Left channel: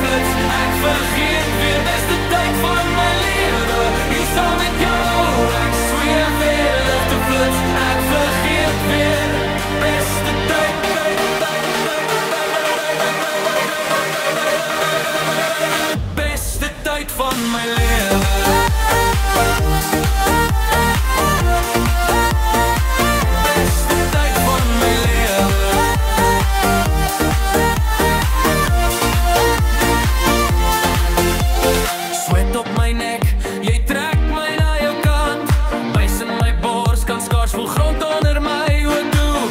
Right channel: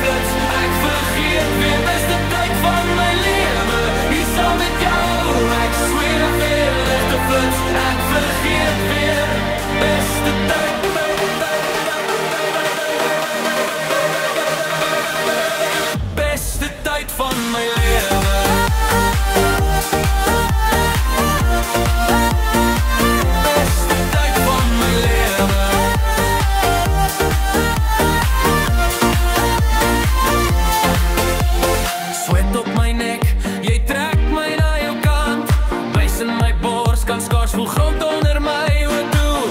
flits. Ek vergeet weer beste tyd van my lewe. Hier saam met jou, ek sweer weer ligte flits. Ek vergeet weer beste tyd. Beste tyd van my lewe. Op my nek, jy trek my na jou kant. Bys in my bors, kan skaars voel grond onder my oë toe.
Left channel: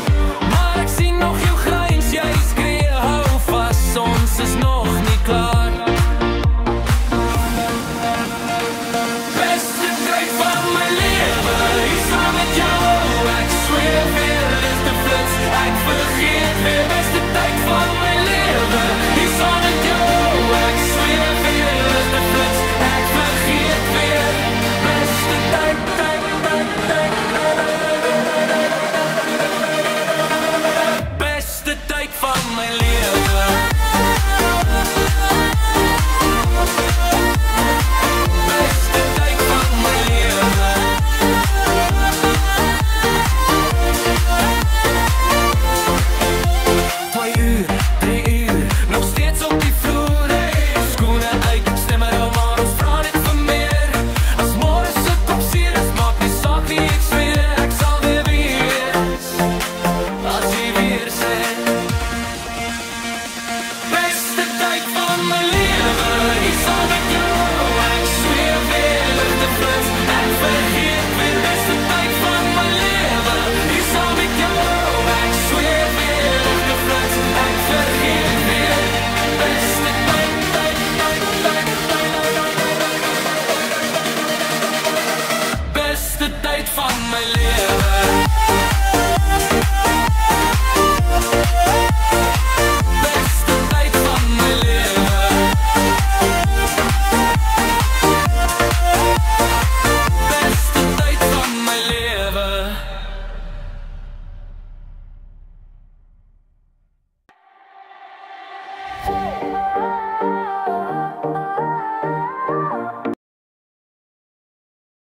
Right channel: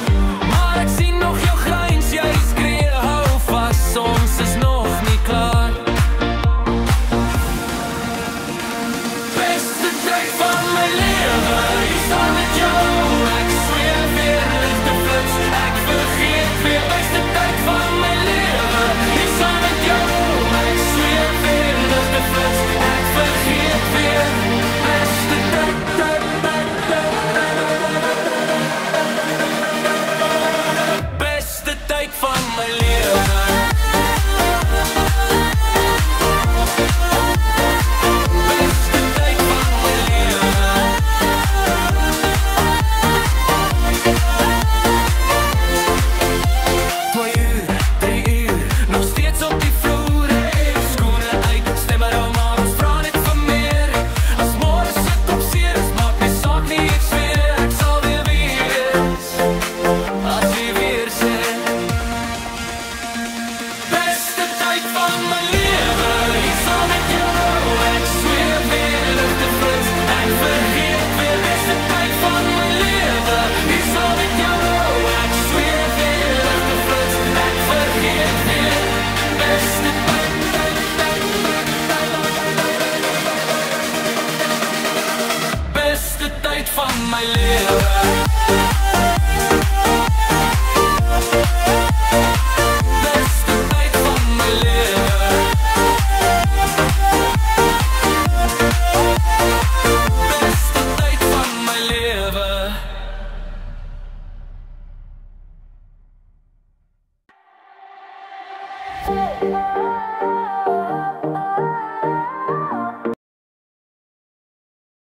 Maar ek sien nog jou gryns, jy skree, hou vas, ons is nog nie klaar. Beste tyd van my lewe, hier saam met jou. Ek sweer weer ligte flits, ek vergeet weer beste tyd van my lewe. Hier saam met jou, ek sweer weer ligte flits. Vergeet weer beste tyd. Beste tyd van my lewe. Beste tyd van my lewe. 2 uur, 3 uur, nog steeds op die vloer. Skoene uit, stem er al maar. Ek vergeet weer beste tyd van my lewe. Hier saam met jou, ek sweer weer ligte flits. Ek vergeet weer beste tyd. Beste tyd van my lewe. Oh,